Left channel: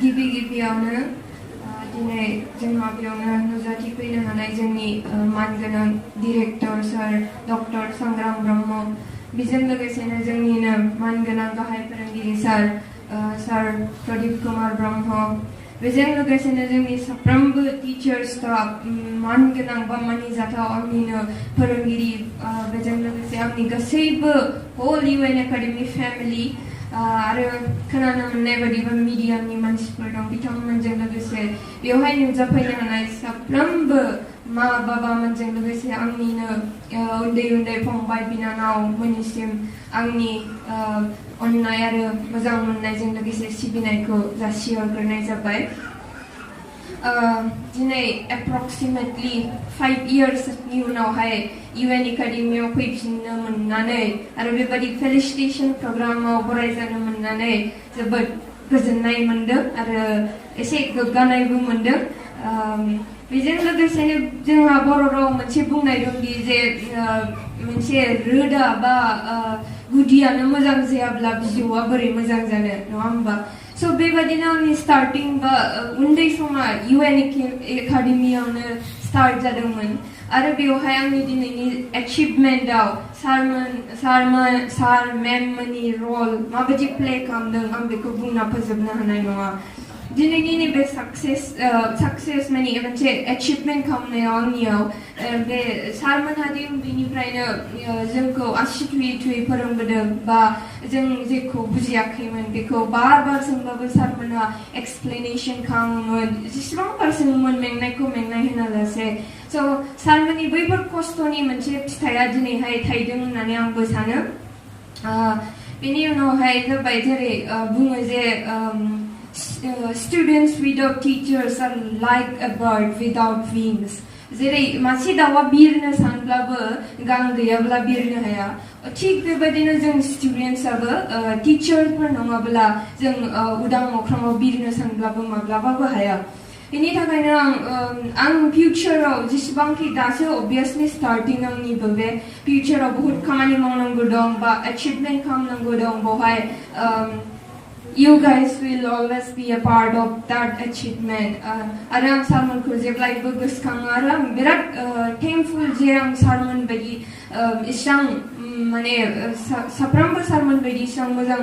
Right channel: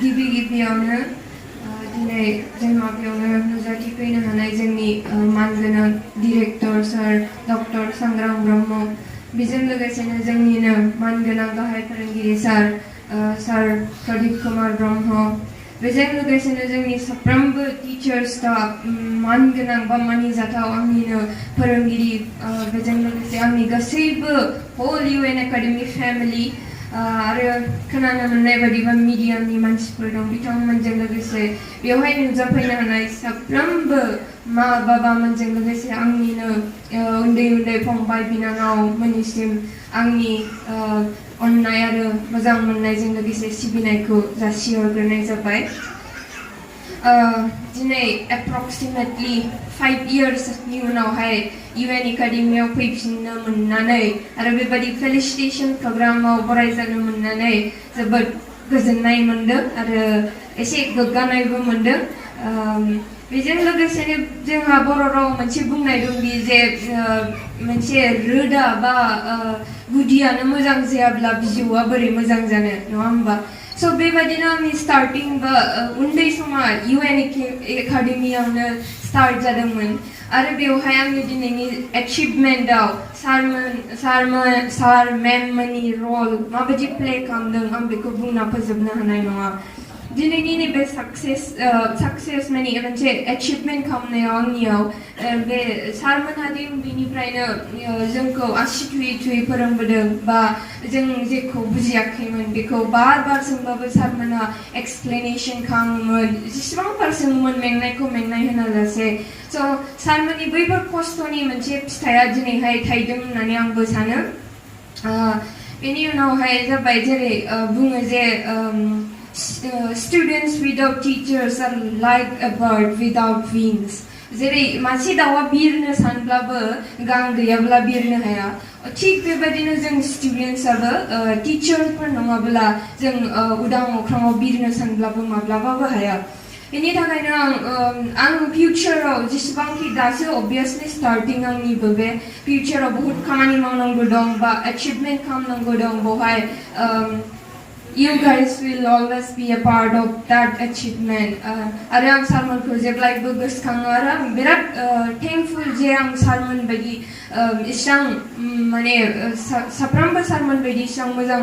गिबियावनो दिनै जोंहा बेयावनो नुजाथिफैनो हानाय जोंनि मानगोनां डिरेक्टर सार डक्टर सांग्रां ब्रह्म बेजों लोगोसेनो जोंनिनो मानगोनां गाहाय फोरोंगिरि सार प्रदीप कुमार ब्रह्म बेजों लोगोसेनो जोंनि साफ्रोमबो टिचार्स स्टाफ मानगोनां बा मानिजाथाव आंनिनो फोरोंगिरि बेजों लोगोसे आंनि गासैबो होल UN एकाडेमि फेमिलि आरो खोनानो मोननाय बायदिबा मिडियामनि मानसिफोर दं बिथांमोनजों लोगोसे बेवहाय नुजाफैनो हानाय साफ्रोमबो मा बाबामोनजों लोगोसे आंनिनो उन्दै उन्दै फंबाय बिनानावमोननिसिम आंनि अननाय आरो मोजां मोननायजों लोगोसे सिबिनायखौ जासिहरग्रोनाय जाबाय दिनै एप्रक्सिमेटलि 5 इयार्सनि उनावहाय UN एकाडेमियाव फैफिननो मोननानै आरो बेबायदि फेलिसिटेसन प्रग्रामाव बरायजानो मोननानै जोबोद गोजोननाय मोनदों आरो एसे गोग्गानायबो मोनदों बेजों लोगोसेनो जोंहा बर' राव मोनसे बुंनाय दंदि जे मोनसे रोदा बा गुदियानो मोजां जायाब्ला बिजौआ बोरै मोजां जानो नङा होमबा So बेबायदिनो आंनि स्टार्टिं बा उन्दै समा UN एकाडेमियावनो स्टार्ट जादोंमोन आरो बेवहाय आंनि दिनैनि एचिभमेन्टआव सार मेम मोननि रल माबायदि प्ले खालामदों आं बेखौ बुंना फोजोबनो हानाय नङा दिनैनि नैबे साक्सेस माने मोनसे एचिभमेन्ट खालामनायाव आंनियाव बे सारमोनहादि उन्दैनिफ्रायनो जोंखौ आसि थुयै थुयै फोरोंबोदों बा जों जेखौ बुजियाखैमोन बेखौ बार सोंबाबो सारमोनहा एक्सप्लेनेसन खालामोमोन जेसेबां बार सोङोमोन मेंनायखौ मेंनाय होनालासे स' सारमोननि बैफोर खस्थ'नि मोनसे फिथाइया दिनैहाय थायदों होननानै आंबो सानो बेनि उनावहाय जाबाय जेरै बुङो जे students without teachers are like a bird without wings जेरै मासे दाउआ बिरनो सानब्लाबो गां गैयाब्ला बिरनो हाया थिग बेबायदिनो जों स्टुडेन्टसाबो टिचारफोर नङाब्ला जों उदां अख्राङाव बिरनो सानब्लाबो माब्लाबाबो हाया बेनि थाखायनो आं फिउचाराव जेसेबांखि दासो अबभियासलि स्टार्टिं आंनिबो बे फिउचाराव बहुत खामानि मावनांगौ दं बा एचिभमेन्ट खालामनांगौ दं बेवहाय You guys will always be a part of that achievement. आरो आं सारमोनखौ जेब्लायबो गोसोखाङो आरो आं बिराद थेंकफुल जे आं सारमोन बायदि इसां माने साफ्रोमबो सारमोन बायदि इसां मोजां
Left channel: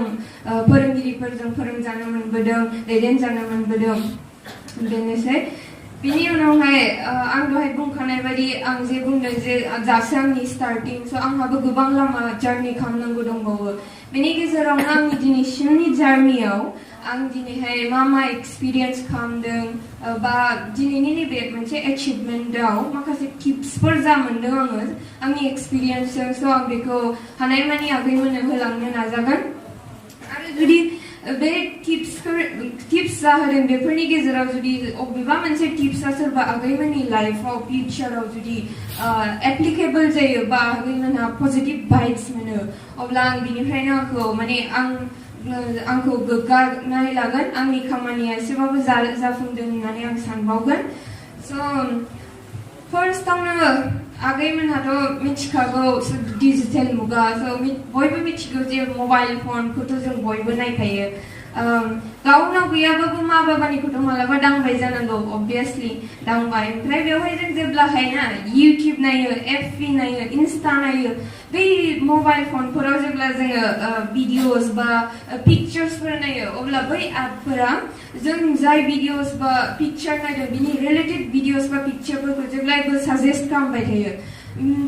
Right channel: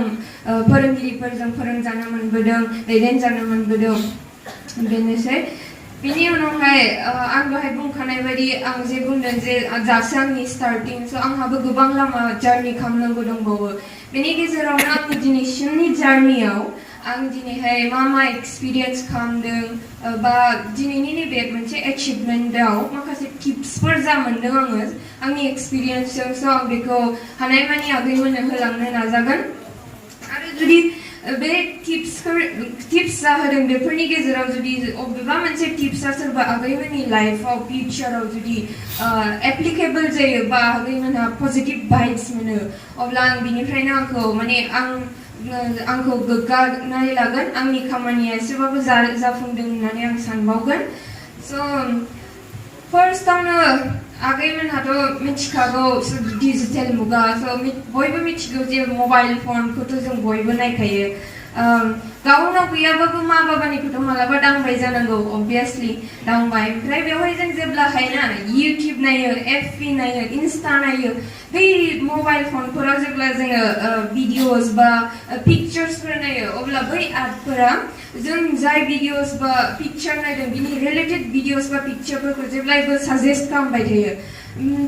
फोरोंगिरिफोरजों फोरोंजानो मोनबोदों दैदेनजानो मोनबोदों बेनोसै बेनि उनावहाय आं दहाय बुंखानाय बायदि आं जे बुंदों जे दासो आंनि स्टार्टिं स' आंहाबो गोबां लामा जार्नि खालामनांगौ दंबावो बेनि गेजेरावनो आंनि दिनैसिमनि जार्नियाव आं दिनैहाय मा एक्सपिरियेन्स खालामदों बा दिनैनि नैबे मोनसे एचिभमेन्टआव माखासे टिप्सफोर जा मोनदों आङो आंनि एक्सपिरियेन्सजों स' आं बेखौ हानायमानि आगैमोननो होलांनो नाजागोन आरो जुदि बे टिप्स जाहोदों बेफोरनि गेजेराव जुदि अबेबा मोनसे टिप्सआ सोरबा आगैमोननि लाइफआव फिउचाराव जुदि एप्लिकेबल जायो बा आगैमोनहा पजिटिभ भाइब्स मोनो अब्ला आं बिनिफ्रायनो आंखौ गोग्गानाय लागोन आंनि खामानिया एसेबाबो जाफुंदों होननानै आं सानबावगोन स' फार्स्टआवनो आगैमोनहाथ' मिथिखागौ डिजिटेल मुगा स' बयबो मिथिगौ जे मबाइल फनखौथ' जों बयबो नायखायो गावनाव गैयाबाबो मा बाबानिखौथ' मालाबा दांबाय जानांगौ अबभियासलि दांबाय ओमफ्राय बेवहाय जों जेब्लाहाय ना इउटिउब नायो FB नायो इन्स्टा नायो बै मबाइल फनफोराव जेब्ला जोङो भिडिअस बा पिक्चार्सफोर नायो अब्ला बै एपफोरा जों जाय भिडिअस बा पिक्चार नायदों बिनि रिलेटेड भिडिअस बा पिक्चारफोरखौ जेब्लायबो साजेस्ट खालामबाय थायो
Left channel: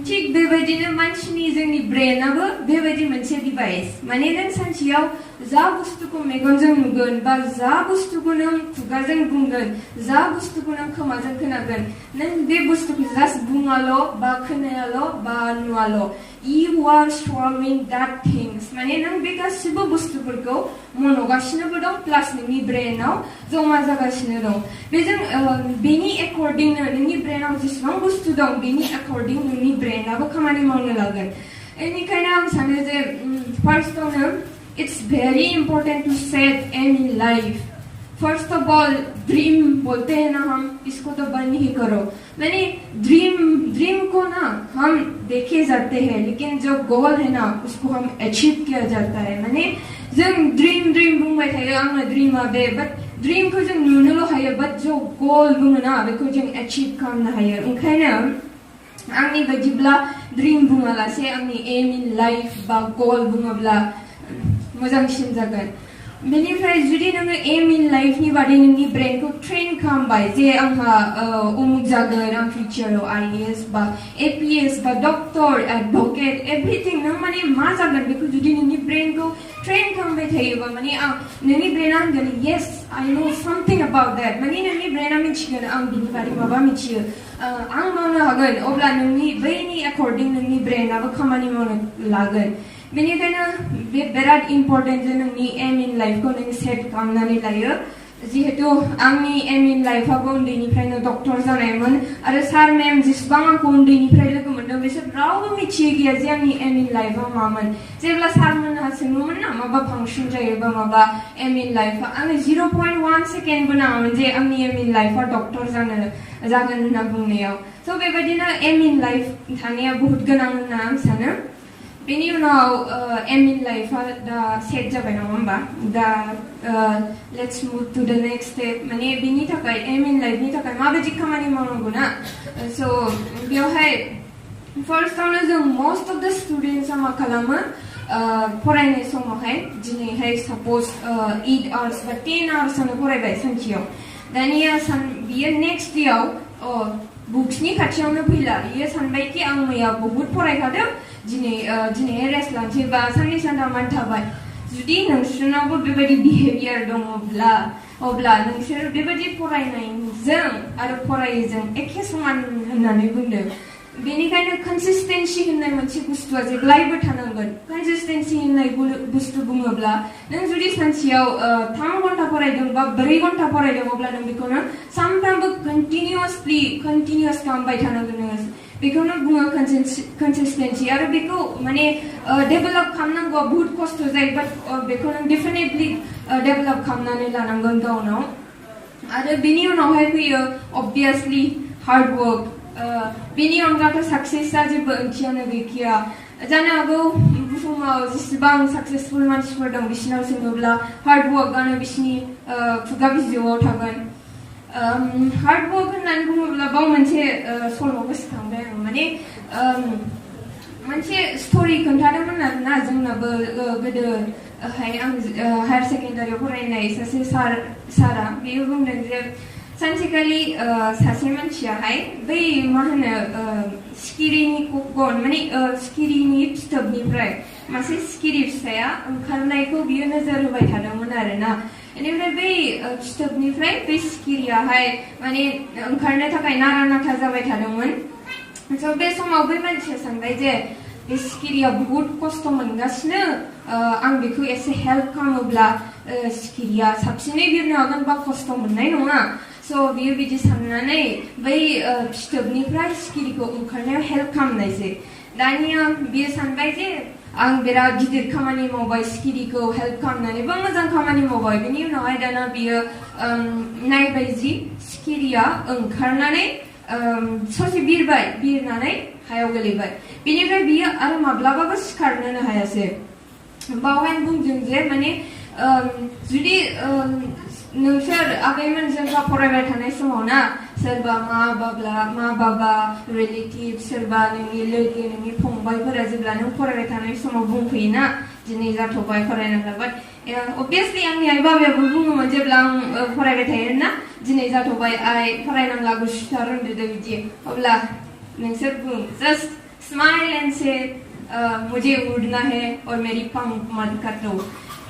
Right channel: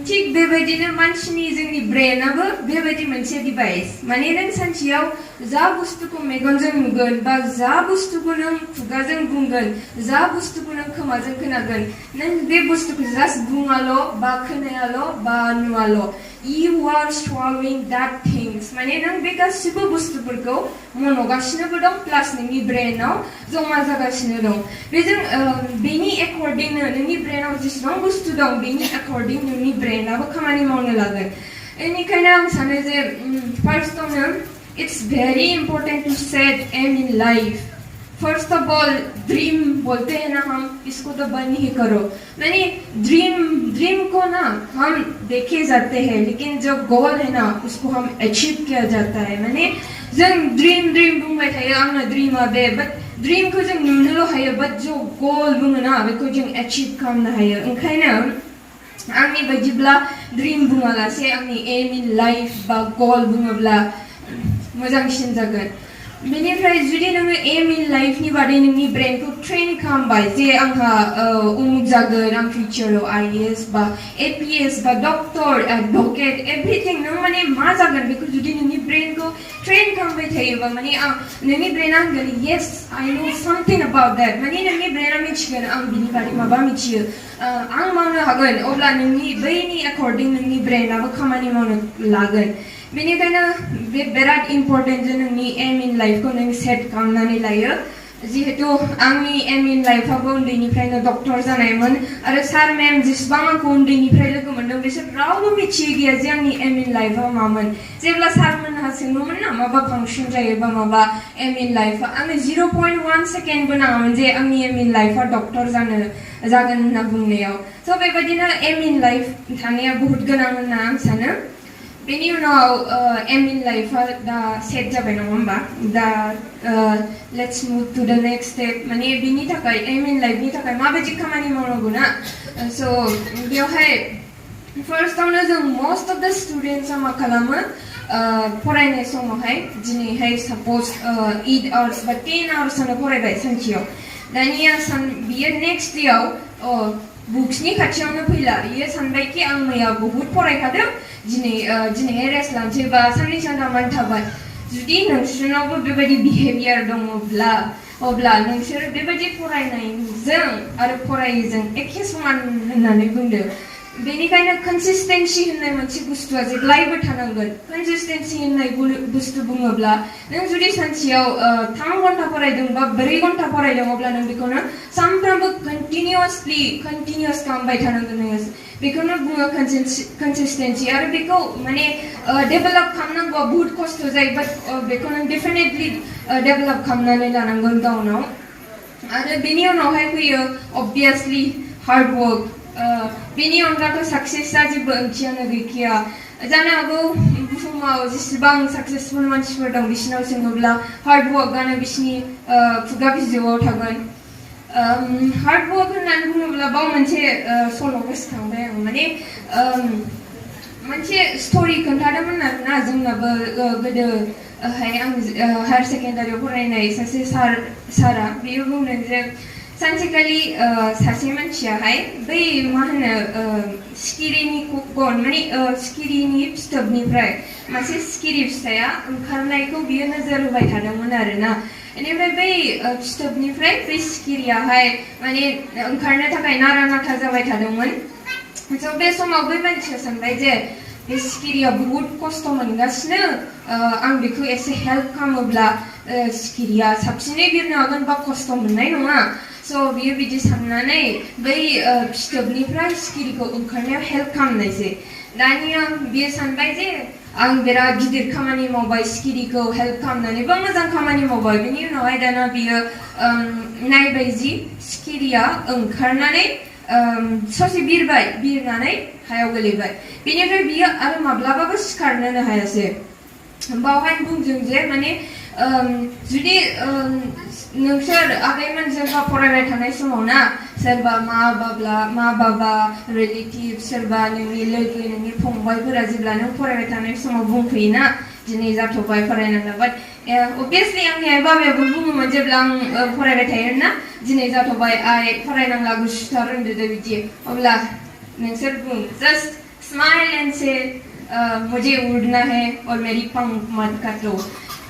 थिग बेबायदिनो मानसिनि जोंनि ब्रेनाबो बेबायदि मोनसे डिभाइस माने नों सानसेयाव जा बुस्थुखौ मेगनजों नुगोन बा जा बुस्थुखौ नों खुगाजों बुंगोन जा बुस्थुखौ नों खोमाजों खोनागोन नों बे बुस्थुखौ जास्ट बुङाल' बा खोनायाल' बा Nuwal' you are swallowing that things माने नों बे गासिबो बुस्थुफोरखौ मनगासिनोबो दं प्लास नोंनि ब्रेनाव जमा जागासिनो दं बेजों बेनि एकर्डिंनो नोंनि ब्रेनाव जेसेबां बुस्थु दं बेनि एकर्डिं नोंनि ब्रेनाबो खामानि मावनो लागोन बेनिखायनो आं सानो जे फार्स्टआवनो it's very important to set aim in life first of all dream बोलते हैं ना हम इसको तो बंद ही करो यानी ड्रीम को ना हम देखे जाते हैं लेकिन जो गोल है ना उसको हम अचीव किया जाता है मैंने जों ड्रीम बुंबाय थायो आंना ड्रीमा बे बाट ड्रीमखौ जों नुनोल' हायो बाट जों गल बुङोना बेखौ जों एचिभ खालामनो हायो ओंखायनो आंनि बायदिब्ला ड्रीम बुङालासे आंनि एम इन लाइफ बा गल बुङोब्ला मोजांसिन जागोन बेनिफ्राय जुदि नोङो एम इन लाइफनि बादै नोंनि ब्रेनखौ ट्रेन खालामबाय जे आंहा उमुक जागोन आं फिउचाराव IAS बा APS बा डक्टर एडभकेट एभ्रिथिं नों माने मा जागोन बेखौ जुदि नोंनि ब्रेनखौ ट्रेन खालामबाय थायोबा माने नोंनि ब्रेना होनगोन येस आइ नो सामथिं अबाउट द्याट माने नोंनि ब्रेना मिथिगोन आं बिनि बादै माबा मिथियो आं मावनो हागोन अब्ला नोंनि बैनि एकर्डिं नोंनि ब्रेनाबो खामानि मावनो लागोन बेनिखायनो बे बिराद इम्पर्टेन्ट जे नोंनि एम इन लाइफखौ नों सेट खालामनानै लायो जिहेतु आंनि एम इन लाइफआबो उन्दैनिफ्रायनो डक्टर जानायमोन आरो सार मेम जेसेबां आंखौ उन्दैनिफ्राय लोगो मोनदों बिसोर रावबो मिथियै गैया जे आंनि एम इन लाइफआ मामोन जेब्ला सारमोनहा सोङोमोन ना माबा फांसन जायोबा माबा एम इन लाइफआ आङो 0.1 सेकेन्डबो नाङामोन जे आंनि एम इन लाइफआ डक्टर जागोन होनना बुंनायाव स' बेबायदिनो एम इन लाइफ थानाया बहुत गोनां होनना आं सानो बेनि उनाव एम इन लाइफआ दा सेट जाबाय नङा होमबा दा लेट्स मुभ टु द नेक्स्ट स्टेप माने बेनि थाखाय एम इन लाइफनि थाखाय माबायदि खामानि मावनांगौ ना स' बेवहाय फार्स्टआवनो जों मोस्ट अफ द स्टुडेन्टसा मा खालामो फरायनाय समावहाय दिनैहाय साप'ज 8 आवार्स बा 10 आवार्सनो फरायबाय सानसेयाव दानिया बियो नेक्स्ट डेआव बुक्सनि खाथियावनो फैला बियो सानबाय कि आं मैया बहुत फरायखादों दिनैहाय रेस्ट लानोसै बा साननै सानथामानो थाबाय जुदि नोंसोरनावबो बेबायदि बिहेभियार दङब्ला अब्ला नोंसोर बेबायदि फरायनायजों आरो फरायैजों एखे समान होननानै बुंदो बेनिखायनो कनसिस्टेन्सि होननाय मोनसे बुस्थुआ जेब्लायबो थानांगोन कनसिस्टेन्सि होननाय बुस्थु बुङोब्ला नों जुदि सानसेयाव 3 घन्टा फरायदों बा 4 घन्टा फरायदों अब्ला नों बेखौनो सानफ्रामबो कन्टिनिउस खालामबाय थानांगोन नोङो बेखौनो बुङो कनसिस्टेन्सि आरो बेखौ माने डेभेलप खालामनांगौ बहुत खस्थ' जायो बाट बेखौ नों डेफिनेटलि डेभेलप खालामनानै लानांगोन गावनाव आरो बेनि उनावहाय फैयो अबभियासलि हार्ड वर्क बेनि अनगाथ' साक्सेसआ जेबो ओंथियानो गैखाया जानो हागौ बुहुमाव जेसेबां साक्सेसफुल मानसिफोर दं बिसिनाव सोङोब्ला हार्ड वर्कआनो बिसिनि खुगा बिजौआव थागोन हार्ड वर्क होननानै बुङोब्ला बाव मोनसे सल' गोसोखांबाय आं माने मोनसे स्ट'रि खोन्थादोंमोन आरोना जोंनाबो गोदोहाय आं हायार सेकेन्डारियाव फरायनाय सासे सारा बेयो बुंदों जे सानसेखालि सासे मानसियाहाय बै मा होनो सिखिरिनि गन माने सिखिरिनि फिथोबनिफ्राय मासे सिखिरि फिसाया ओंखारनायखौ बियो नोजोर होबाय थादोंमोन आरोना बेनिफ्राय बै फिथोबनिफ्राय बै सिखिरियाहाय माने ओंखारनो थाखाय नारा नाथा जाबाय थादोंमोन स' बे समाव बै मानसिया सानबाय जे बे सिखिरिया बहुत खस्थ' मोनगासिनो आं बेखौ एसे हेल्प खालामोब्ला सिखिरिया साबसिनै बिरनो हागोन बा खस्थ' मोननाय नङा स' बियो बिदि साननानै बै फिथोबनिफ्राय सिखिरिखौ ओंखारनायाव हेल्प खालामनायसै दानिया बियो सानबाय जे आं बिराद गिदिर खामानि मावबाय सिखिरिखौ हेल्प खालामनानै बा मोजां खामानि मावबाय बेनि उनावहाय दाना बियो नायबाय जि सिखिरिया ओंखारनानै ससे बिरनानै हायाव गोलैबाय बेनिफ्राय बियो आरो माब्लाबाबो सिखारनोनो हायासै बावहाय बुंदों जे माने जुदि नोंसोर आगैमोन जेब्ला फरायबाय थानाय समाव ना सोरबा मा बाबा रिलेटिभ सोरबा नोंनि लोगो नोंनि फंबायफोरा जेब्ला नों फरायबाय थानाय समाव बुंफैयोना दिनै जाथ'बाय फरायनांला बाट अबभियासलि आंनि आइ बाबायाबो बुङोमोन जेब्ला आं फरायबाय थायोमोन ना दिनै जाथ'बाय आइ फरायनांला गुसुथार उन्दुदो बिदि अब्ला नोंसोर बुं जास्ट स्माइल एन्ड से मुझे उड़ना है और मेरी पंख मत काटो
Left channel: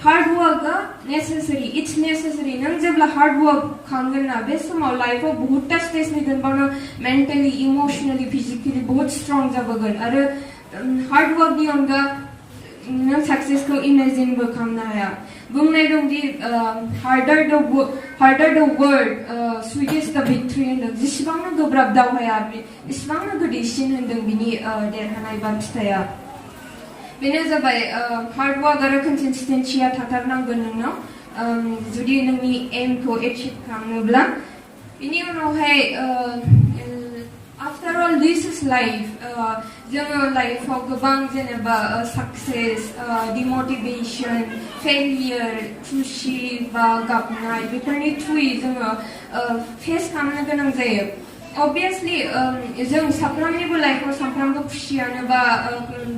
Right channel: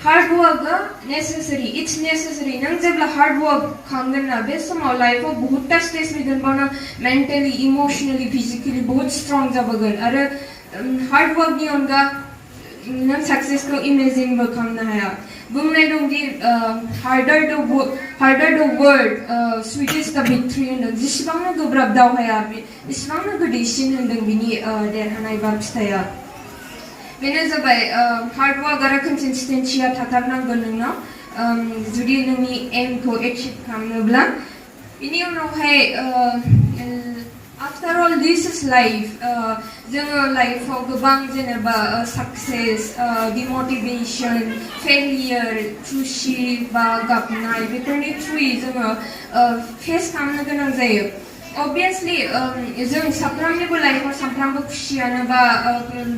hard work necessary it's necessary नों जेब्ला हार्ड वर्क खालामगोन ना बे समाव लाइफआव बहुतटा स्टेज फैगोन बा नों मेन्टेलि इमोसनेलि फिजिकेलि बहुत स्ट्रं जाबोगोन आरो हार्ड वर्कनि अनगा नों सक्सेसखौ इमेजिनबो खालामनो हाया बुंनाय दं दि हार्डार द वर्ड स्वीटेस्ट द भिक्ट्रि होनदों जेसेबांनो गोब्राब दावहाया एसेबांनो गोदैसिन होनदों बिनि देरहानाय बा फिथाइया बेनो जाबाय हार्ड वर्क आरो कनसिस्टेन्सिया थाथारनांगोन नोंनाव जुदि नोंनि एमखौ एचिभ खालामनोब्ला बेनि उनावहाय After all, this is life. जोङो लाइफआव गोबां जेनेबा सक्सेस, डिमोटिवेशन, फेलियर, खुशी बा गाबनाय बेफोरनि थ्रुयै जोङो फेस खालामनो गोनां जायो. Obviously, जों साफ्रोमनिबो लाइफआव साफ्रोमबो खुशियानो बा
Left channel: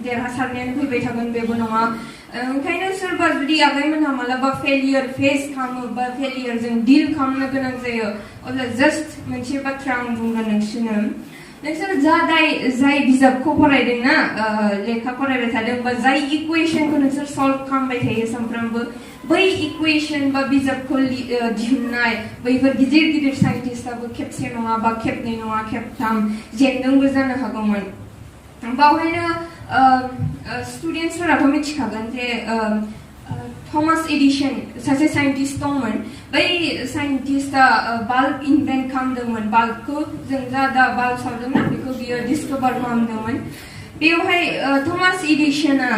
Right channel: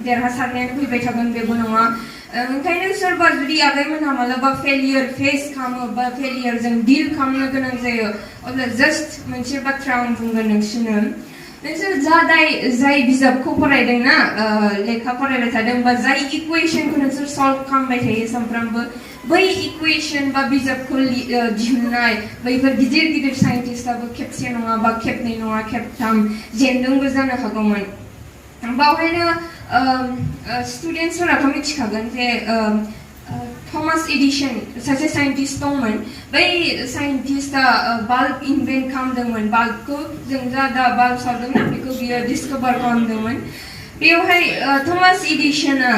देरहासारनायानो फैबाय थागोन बेबो नङा. ओंखायनो सोरबा जुदि आगैमोनहा मालाबा फेलियर फेस खालामो बा फेलियरजों डिल खालामनो गोनां जायो, अब्ला जास्ट मोनसे बाथ्रा आं बुंगोन नोंसोर जाय बिजाबखौ फरायदोंना, लेखा फरायबाय थादों बा जाय इकुवेशनखौ नोंसोर सल्भ खालामबाय थायो सानफ्रामबो, बै इकुवेशन बा बिजाबखौ दिहुननाय बैफोर गिदिर गिदिर साइन्टिस्टआबो खेबसे नङा बा खेबनै नङा खेबथाम जेनदोंबो जानो हागौमोन. बावहायनो स्टुडेन्टसफोराथ' मिथिखागोन जे थमास एडिसन सासे साइन्टिस्ट दंमोन. बै साइन्टिस्टआ बाल्ब इनभेन्ट खालामदोंमोन. बाल्बखौ जों दा बाल्ब सावदोंना बेखौ बियो डिसकभार खालामदोंमोन. बेवहाय थमास एडिसना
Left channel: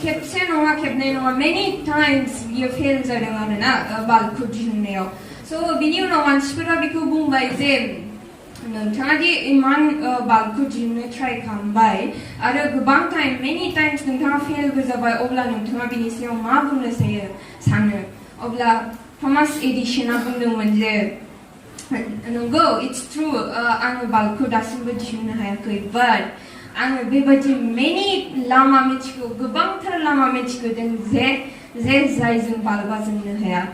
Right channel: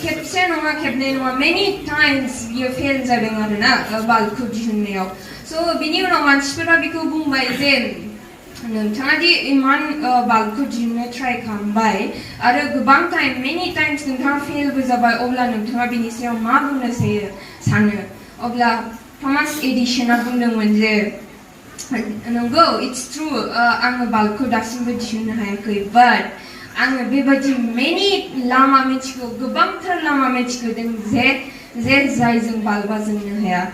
खेबसे नङा खेबनै नङा मेनि टाइम्स बियो फेल जादों आरोना बाल्बखौ दिहुननायाव. स' बिनि उनाव मानसिफोरा बेखौ बुंबाय जे नोंथाङा दि इमान बाल्बखौ दिहुननो ट्राइ खालामबाय आरो गोबां टाइम मेनि टाइम्स नोंथाङा फेलबो जाबाय, अब्ला नोंथाङा बिनि सायाव मा बुंनो सानो? अब्ला थमास एडिसना बुंदोंमोन जे नंगौ, इट्स ट्रु, आङो बाल्बखौ दासिमबो दिहुननो हायाखै, बाट आङो बेबायदि मेनि लामा मिथिगौ, गोबांथार लामा मिथिगौ जे जायजों बाल्बा जोंनो हाया.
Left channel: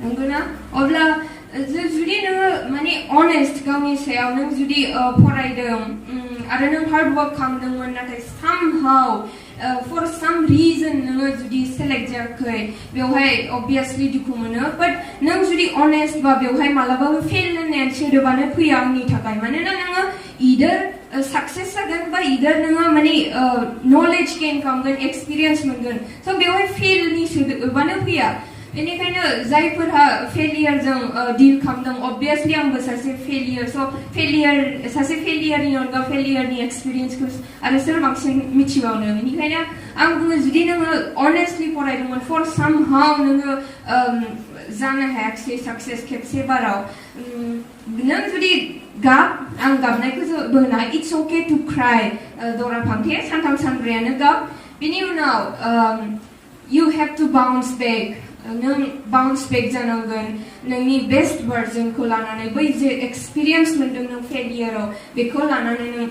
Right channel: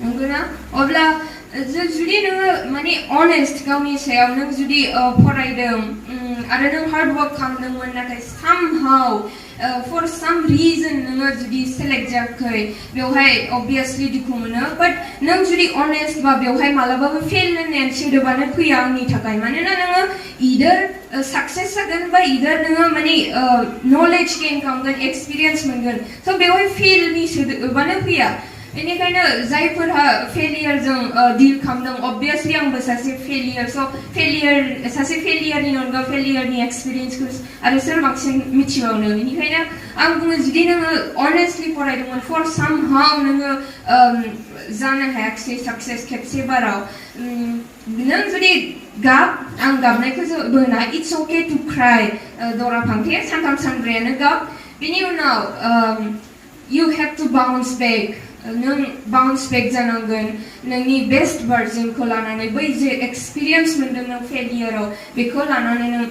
नंगौना? अब्ला जुदि नोङो माने अनेस्ट गावनि सायाव नों जुदि फरायदों आरो नों हार्ड वर्क खालामदोंमोन, नाथाय somehow for some reason नोङो जुदि सेलेक्ट जायाखै, बेवहाय obviously दुखु मोनो. बाट नों जुदि अनेस्ट बा बेवहाय मालाबाबो फेल होननाय सोदोबानो फैया आंनि थाखाय. मानोना नोङो either सक्सेस जागोन बा either नोङो माने नलेज गेइन खालामगोन, एक्सपिरियेन्स मोनगोन. स' बेवहाय फेलनि सोदोबानो फैया. बेनिखायनो जायफोरहा फेलियरजों डिल खालामदों, obviously आंबो सासे फेलियर, स' सासे फेलियरनि अनगा फेलियरनि एक्सपिरियेन्सखौ आरो सोर बांसिन मिथिबावनो. बेनिखायनो आं बुङो, जुदि नोङो अनेस्टलि फरायदोंमोन, फर सामहाव नोङो जानो हायाखिसै सक्सेस खेबसे बाराव, नों जुदि आं गाबनायखौ बोना, इट्स अके टु क्राइ, दरा फांथे सानथाम सानब्रैयानो गाब. बिनि उनाव you have to bounce back. नों बाउन्स बेक जानांगोन नोंनि बेस्ट भार्जनखौ लानानै, बै जे एक्सपिरियेन्स मोनदों नों फेलियराव बेखौ लानानै नों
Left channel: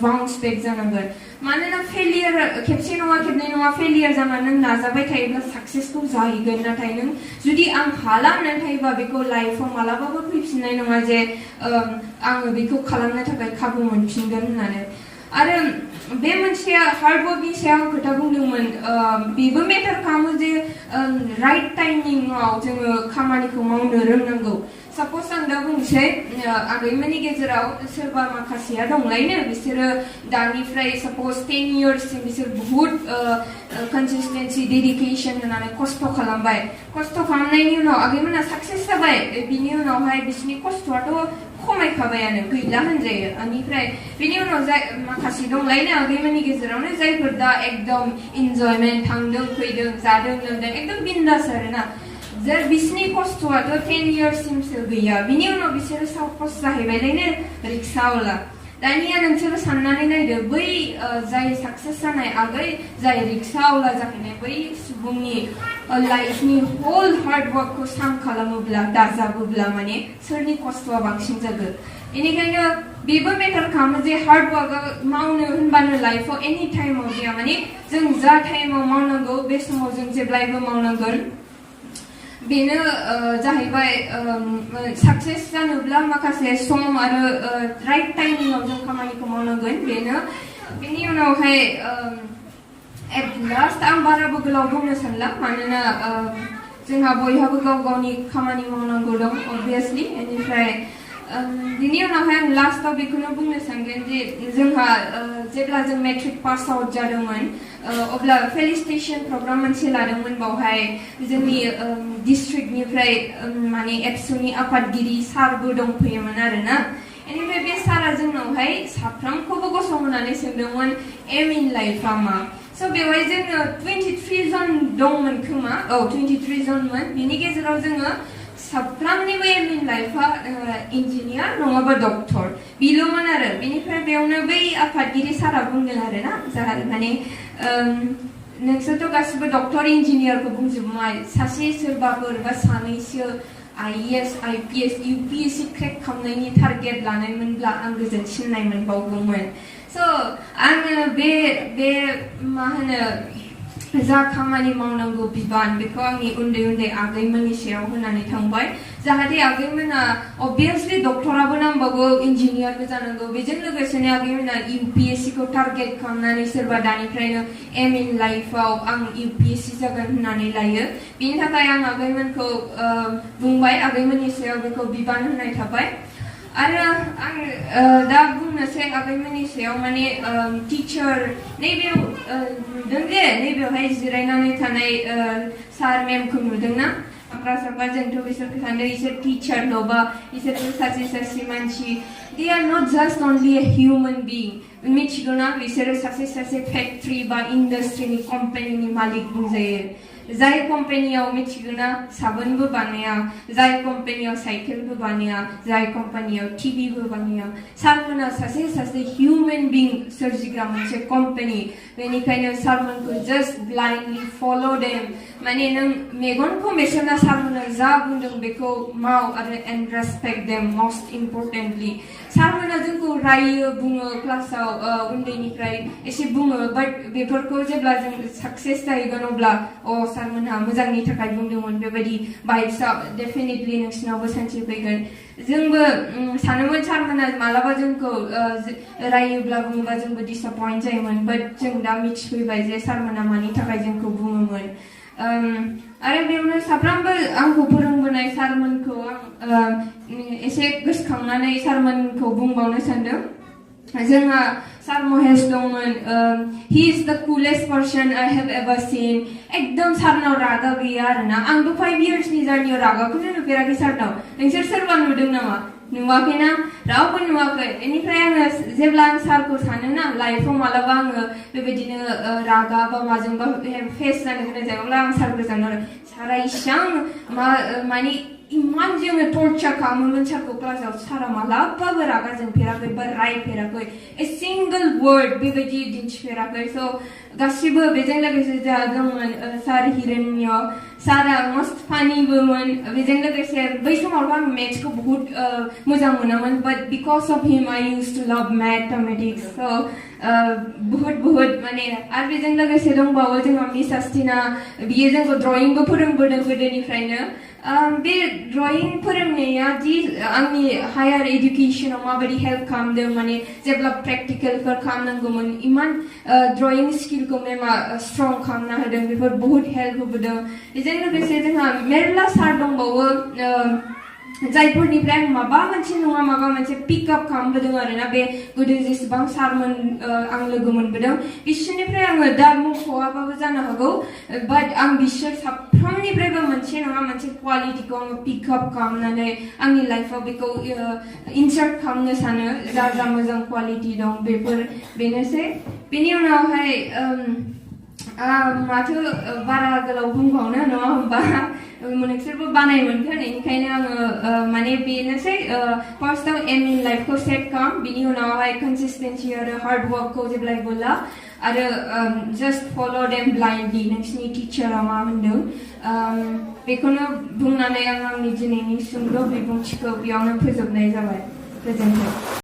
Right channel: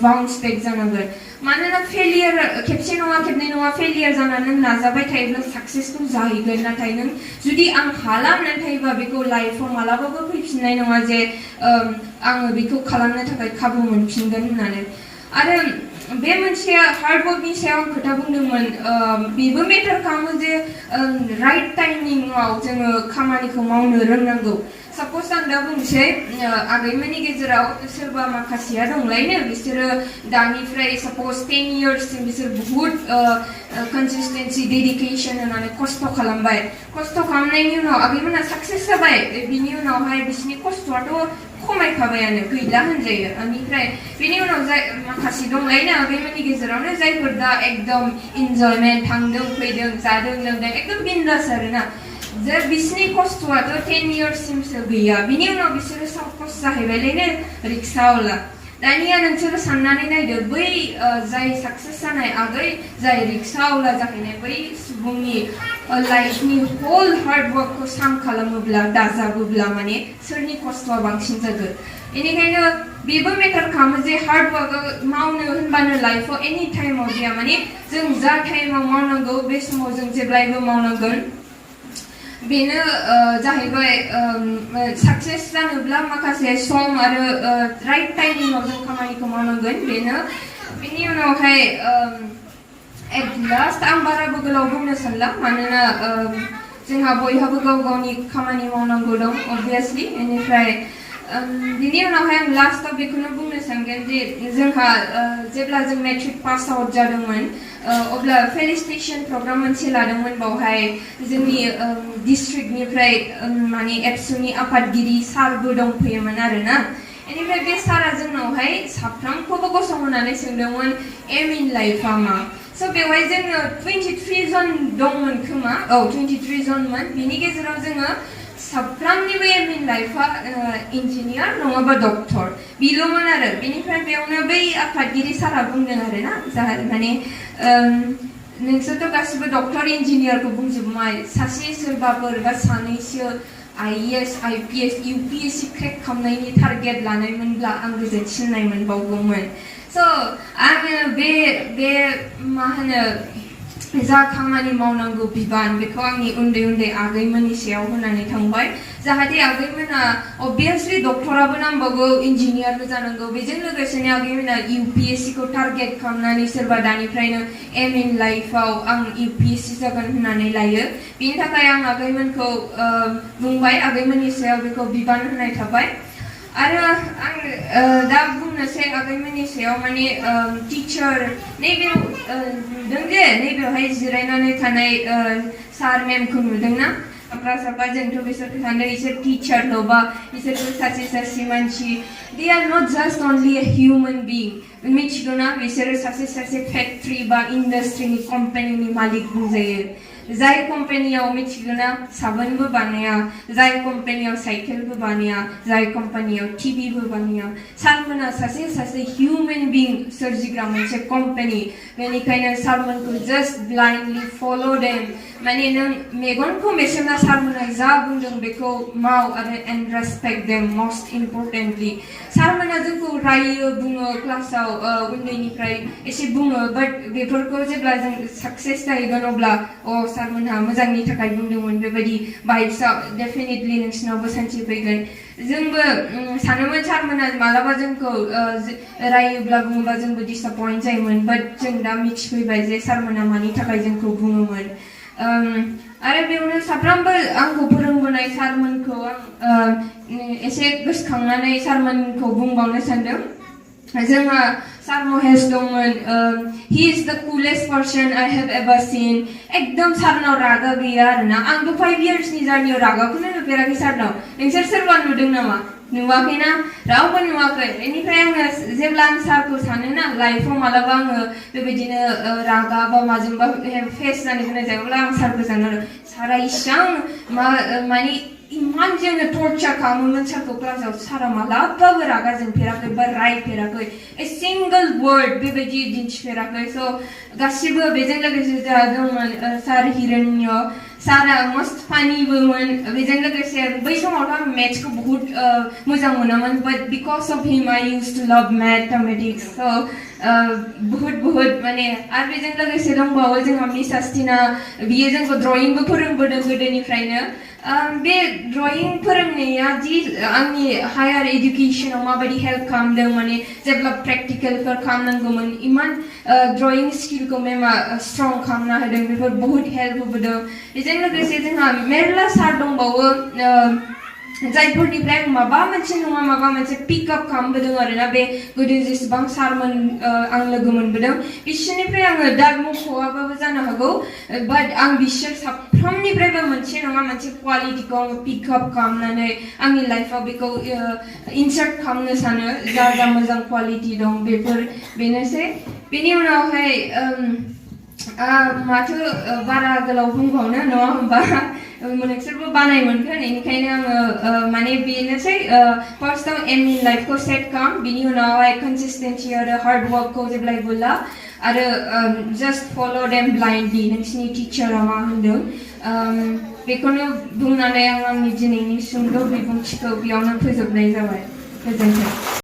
बाउन्स बेक जानांगोन. मानोना फेलियर खेबसे नङा खेबनै नङा फेलियर जानानै नों नाजाबाय थायोब्ला सक्सेसखौ जाहैगोन. नाथाय नों जुदि आं हाला होननानै थायोबा बेखौ लाइफआव मालाबाबो फैफिननाय नङा जे आङो बेखौ खालामनो थाखाय खाबु मोनफिनगोन होननानै. आरो बे मोनसे हार्डवर्कनि सायाव आं खोथा बुंदोंमोन, बेबो मेटार खालामो जे राइट टाइमिंआव जोङो खामानिखौ मावनो रोंनांगौ. साप'ज आं दा बुंसै, आगैमोननि गेजेराव सोरबा माखासेया दंलायनो, बिसोरो दानिफ्राय साप'ज 10 इयार्ससिम बिसोर बुहुत कनसिस्टेन्सि डेडिकेसन होनानै खस्थ' खालामबाय. खस्थ' खालामनायनि उनाव आगैमोना साक्सेस जाबाय. बिनि उनावहाय बिसोरनि खस्थ'आथ' खमायखाबायानो, गैला होनजायो. बेनिफ्राय बिनि उनाव माखासे दंलायनो आगैमोननि गेजेरावनो जायफोर दा एकदम इन्जयमेन्ट, थांदों फैदों जादों लोंदों एकदम बिन्दास आरोना. बिसोरनि खस्थ'आथ' 10 इयार्ससिमसो गैया. बिनि उनाव बिसोरो साप'ज जाहैबायलायनो रिक्सावाला. दानिया नोंसोरो साननानै नायदो, बै जाय साक्सेस जानाय आगै जाय रिक्सावाला जाहैनाय बै सुबुंनि लाइफनि होल हार्ड वर्कखौ साम खालामोब्ला दाजाबोब्ला माने सोरनि खस्थ'आ बांसिन जागोन. बेनिखायनो बेबो मेटार खालामो जे हार्ड वर्कआ मावनो होनबानो लाइफआव एनि टाइमाव गैया. माने जों जा टाइमाव मावनांगौ बे समाव जों जेब्लायबो मावनांगोन. बेनो जाहैबाय सक्सेस जानोब्ला माखासे सम आरो राइट टाइमिंआव जों खामानिखौ मावनांगोन. बेनो बेनि उनावहाय एट लास्ट आं बाराबो गोलाव बुंनो सानला, मानोना जोंहा बयहाबो गाव गावनि खामानि मावनांगौ दं अबभियासलि. बेनिफ्राय बिनि उनावहाय आं लास्टआव बेखौनो बुंनो सानगोन जे जोंहा जेब्ला जों मेट्रिक पास आउट जादोंमोन, अब्ला फेलिसिटेसन प्रग्राम मोनसे लादोंमोन. बावहाय जोंनि डिस्ट्रिक्टनिफ्राय माने एबसुनि आफादगिरि सारबो दंफैयोमोन आरोना. बेनिफ्राय बे सारा जोंनावहाय साफ्रोमखौबो गसंहोनानै सोंदोंमोन एम इन लाइफआ मा. स' बेवहाय जोङो 23 जन दंमोन खोमा, 23 जनमोन. बिनि गेजेराव जोङो साफ्रोमनिबो एम इन लाइफआ इन्जिनियार नङाबा डक्टर बिल'मोन आरो बेनिफ्राय बेयावनो बै आफादगिरि सारा बुंदों आरो ना जाहा माने नोंसोरथ' गासिबो डक्टर इन्जिनियारखौ बुंजोबबाय सासे सोरबाफोर बा सानैसो IAS IPS UPSC क्रेक खालामनायनि टारगेट लानायमोनब्ला आं गोजोनसिननाय मोनबावगौमोन स' आङो बे मा होनो जा खामानि मावनांगौ बिबान बेखौ आंनि उन्दै उन्दै आगैमोननि सायाव होनानै थांबाय जाहाथे आगैमोना अबभियासलि डक्टराबो नांबावगौ इन्जिनियारबो जानांगौ बेजों लोगोसेनो आगैमोना UPSC खौ टारगेट खालामनानै सोरबा दानिफ्रायनो एम इन लाइफआव आं UPSC जागोन होननानै लायो बेनि थाखाय आं आगैमोनखौ बुंबाय आगैमोननि सायाव बेखौ बिबान होनाय थाबाय आरो आं दा बुंनोसै आगैमोननि सायाव माने टिचार नैबेयाव नुदों जे नैबेयावहाय जिरायनानै थानाय सार मेमखौ नुदोंना साफा जोंथ' बिसोरखौ सानो बिसोर टिचारल' बा बिसोरबो सासे मानसि they are not just only a human being मिथिगौ ना बिसोरो सासे फेक्ट्री बा इन्डास्ट्रिनि कम्पानिनि मालिक बुंजायो जाय कम्पानियाव मिथिगौ ना साबोनबो बानाया जाय कम्पानियाव साइकेलबो बानाया जाय कम्पानियाव टिभिबो बानाया सारमोना सासे हिउमेन बिं सोरजिग्रा मोनसे कम्पानि बेनिखायनो सारमोनखौ जस्ट ब्लाइन्डलि फल' देम माने नों मेगनखौ मेसेमना सारमोना जा बुंदों बेखौ माव आरो एन्ड रेसपेक्ट देम मस्ट इम्परटेन्टलि सारमोना जोंखौ रायो बुङो क्लासाव उन्दैनिफ्राय एसे बुङो बाट बेफोरखौ जेब्ला जों साक्सेस जाहैगोन अब्ला सारमोनहा मोजांनि थाखाय बुंदोंमोन बेबायदि भाइब्सआ डेफिनेटलि नोंसिनावबो सानसे फैगोन जोंबो सानोमोन सारमोना मालाबा जोंखौ रायोब्ला बुङोबा जोंबो डिसएपइन्ट जायोमोन बाट जों दा मिथिफैबाय जे सारमोना मानि थाखाय जोंखौ बुङोमोन आरो बेयावनो साफ्रोमबो आंखौ फोरोंबोनाय सारमोनखौ आं एसे गोसोखांनानै सारमोनखौ बुंबावनो सानदों जोंहा सार महेश दंमोन he is the coolest person I have ever seen एकदम सारनाव रागा गैया आरोना आंथ' 5 yearsनि जार्नियाव रागाखौनो नुफेराखै सारनाव नोंसोर सोरबा नुदों नामा नुवाखैना रावबो नुवाखै बेनिफ्राय आङो जेब्ला आं सारखौ सानोना लाइफआव मालाबा आङो बेबायदिनो रागा बा माजोंबा फेस जानो गोनां जायो अब्ला आं सारखौ सानो सारा इसां माने इमान जोङो टर्चार खालामोमोन सारखौ क्लासाव सारा मालाबाबो रागा जोंफेराखै बा रायफेराखै ए सिंगल वर्ड बेबायदि दिन्थिफेराखै स' गासिबो बेजों लोगोसे जोंहा दंमोन सार हिरण्य सारा मस्त फानिबोमोन बेजों लोगोसे बै समावथ' आं मेथ्सखौ बहुत मोजां मोनामोन but because of him I used to love mathematics so' बहुत माने आरो बेजों लोगोसे दंबावो जोंहा मिस आस्टिना बियो जोंखौ ड्रयिंबो फोरोंबोदों गोदोनिफ्रायनो बे ड्रयिं फोरोंनाया जि आंनि हायार एडुकेसनाव माबायदि हेल्प खालामदों माने जेब्ला प्रेक्टिकेलफोर खालामनांगौमोन इमान ड्रयिं स्किलखौ मेमा स्ट्रं खालामना होदों बेफोर बहुत हेल्प होबोदों बेजों लोगोसे जोंहा मेरला सार दंबावो जायफोरनिफ्राय आं माबा मोनसे नङा माबा मोनसे पिकआप खालामबोदों आरोना बे गोदो जेसेबां सारमोन आं लोगो मोनबोदों बिसोरनिफ्राय आङो दा मख'आबाबो जानो हागौ बाट आं बिसोर साफ्रोमनिफ्रायबो मोनसे नङा मोनसे क्वालिटिखौ आङो पिकआप खालामनानै आंनि लाइफआव बेखौ इनसार्ट खालामनो सानो जा मोजां क्वालिटि दं बेनोसै बेनि उनावहाय माथो बारा गोलाव बुंबावनो नङा होमबा नोंसोरबो बानाय मोनगोन बेनिखायनो आङो माने बेनोसै फार्स्टआव एम इन लाइफखौ सेट खालाम बिनि उनावहाय कनसिस्टेन्सि आरो हार्ड वर्कखौ जेब्लायबो ला आरो जास्ट फल' देम ब्लाइन्डलि नोंसिनि टिचारा मा होनदों बेखौनो बुंनानै आं आंनि दिनैनि सुंद' बिबुंथिखौ बेयावनो फोजोबनाय जाबाय गोजोन्थों